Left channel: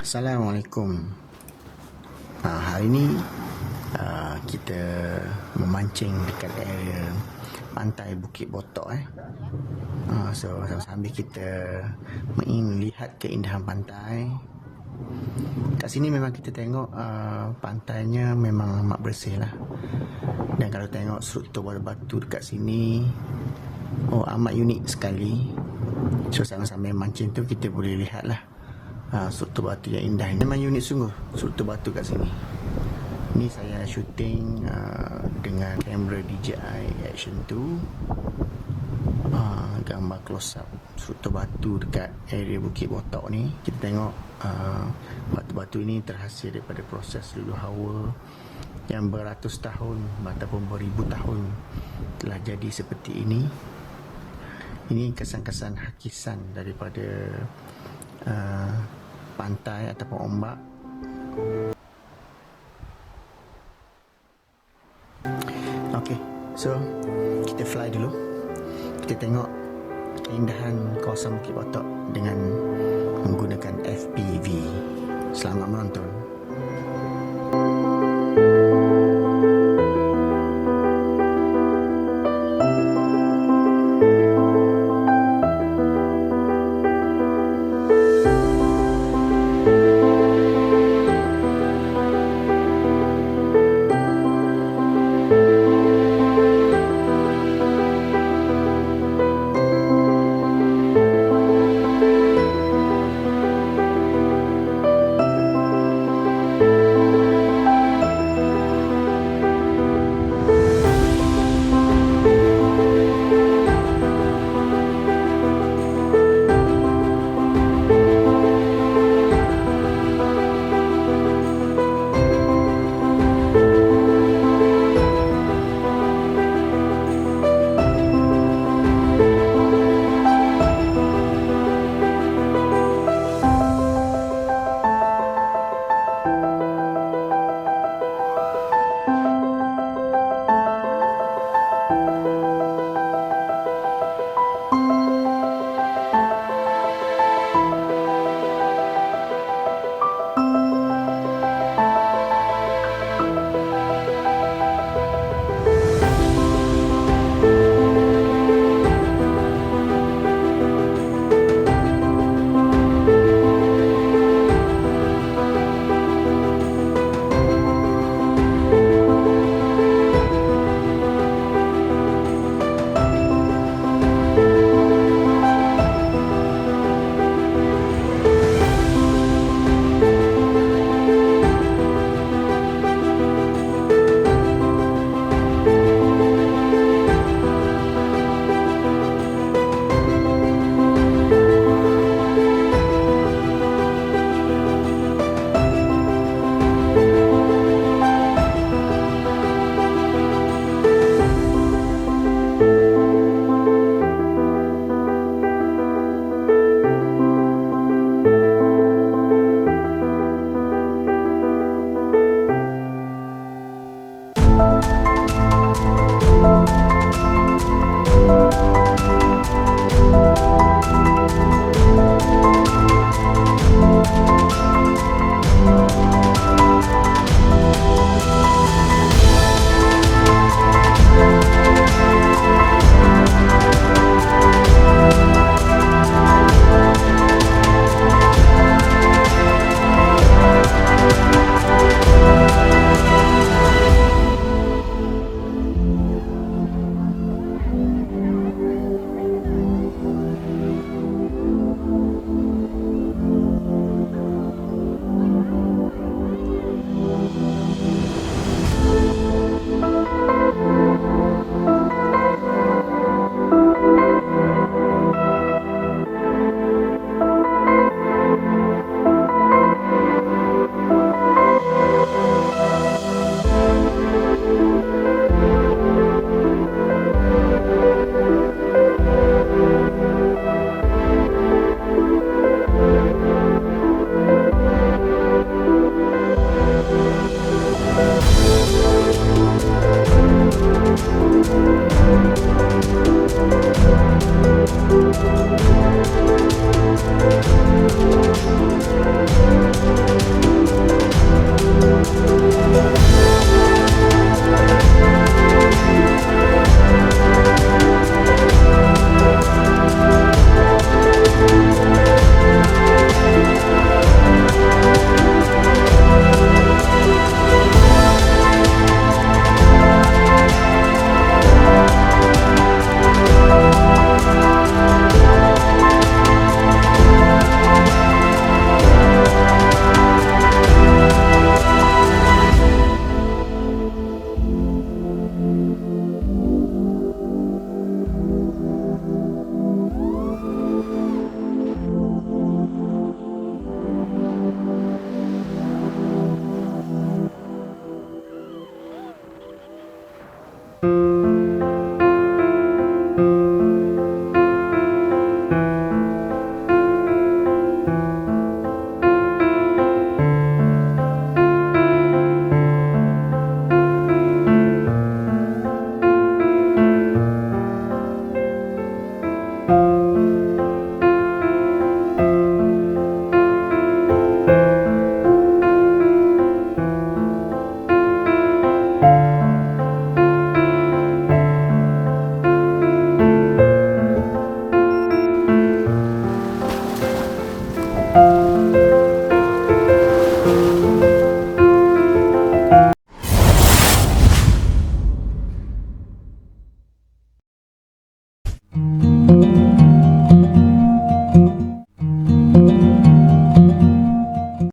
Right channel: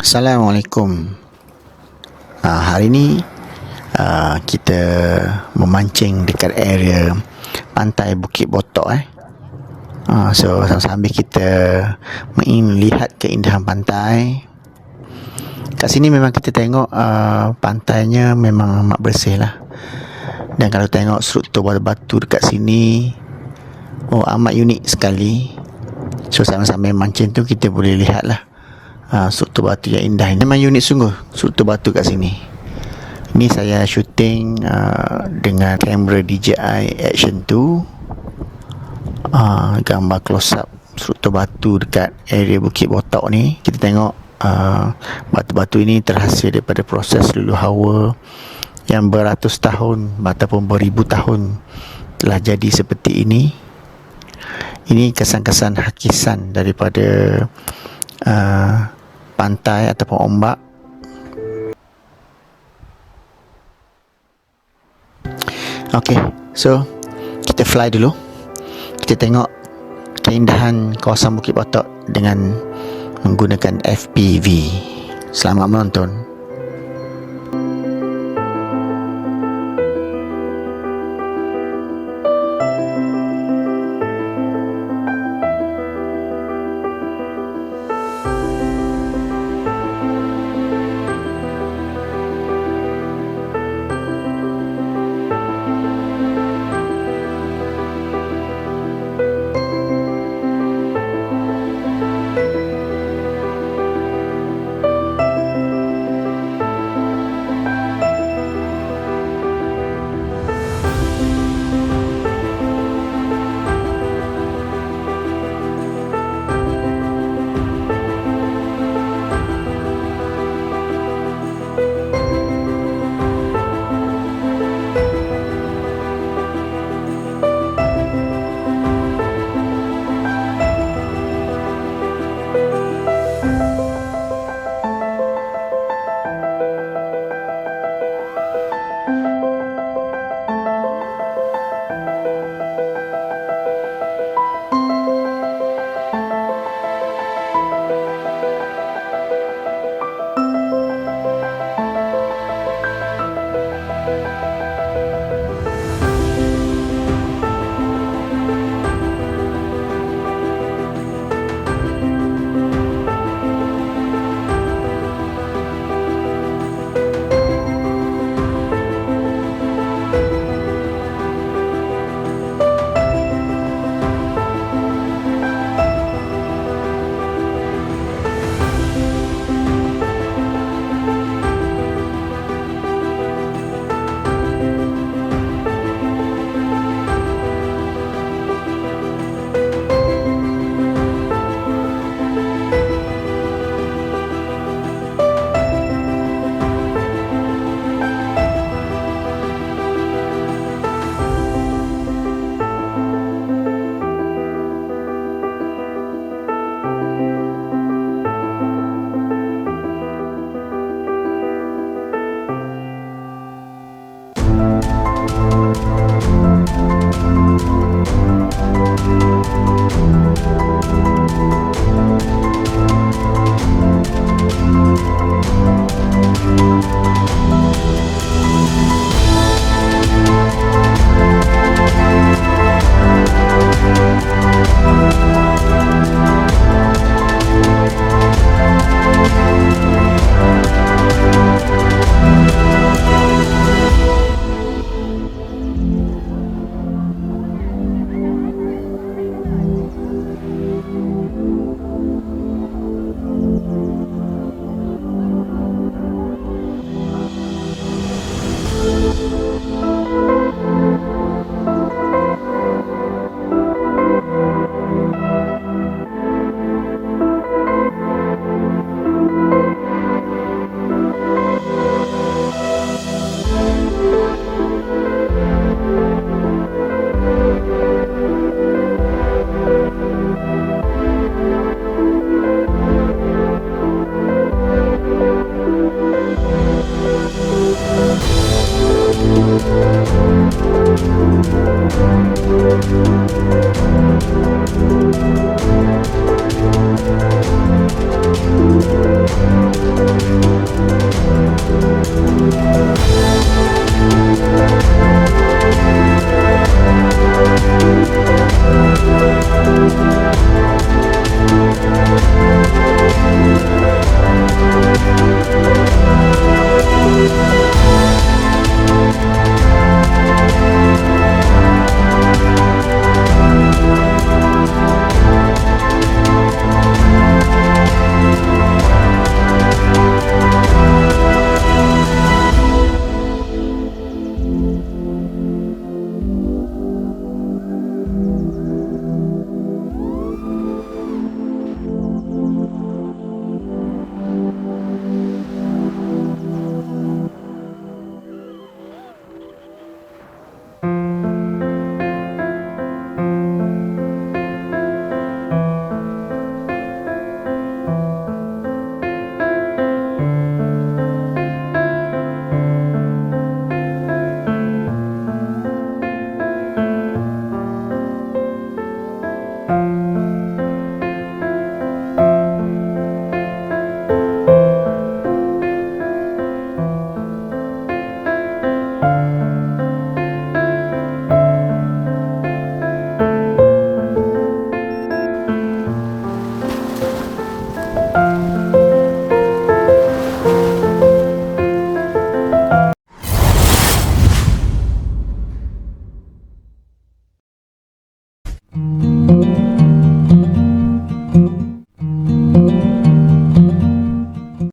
Assalamualaikum. Hari ni kita memancing dekat area Pantai Bukit Botok. So sambil kita melihat keindahan pantai. Kat sini memang kita tengok pantainya memang amat bersih lah. Dan kalau tengok struktur batu dekat sini, amat unik sekali. So sambil mancing tu kita boleh lihat lah struktur batu yang indah. Memang unik sungguh struktur batu kat sini. Ni saya shooting dengan kamera DJI Action 2. Gambar close up struktur batu dekat area Bukit Botok ni. Kita tengok batu-batu ini terhasil daripada proses luluh hawa yang beratus tahun ataupun beribu tahun telah jadi seperti ini. Ini kesan-kesan hakisan daripada pantai ataupun ombak. Okey, so kita fly dulu. Kita tengok keindahan kawasan Bukit Botok dengan menggunakan FPV. Selamat menonton.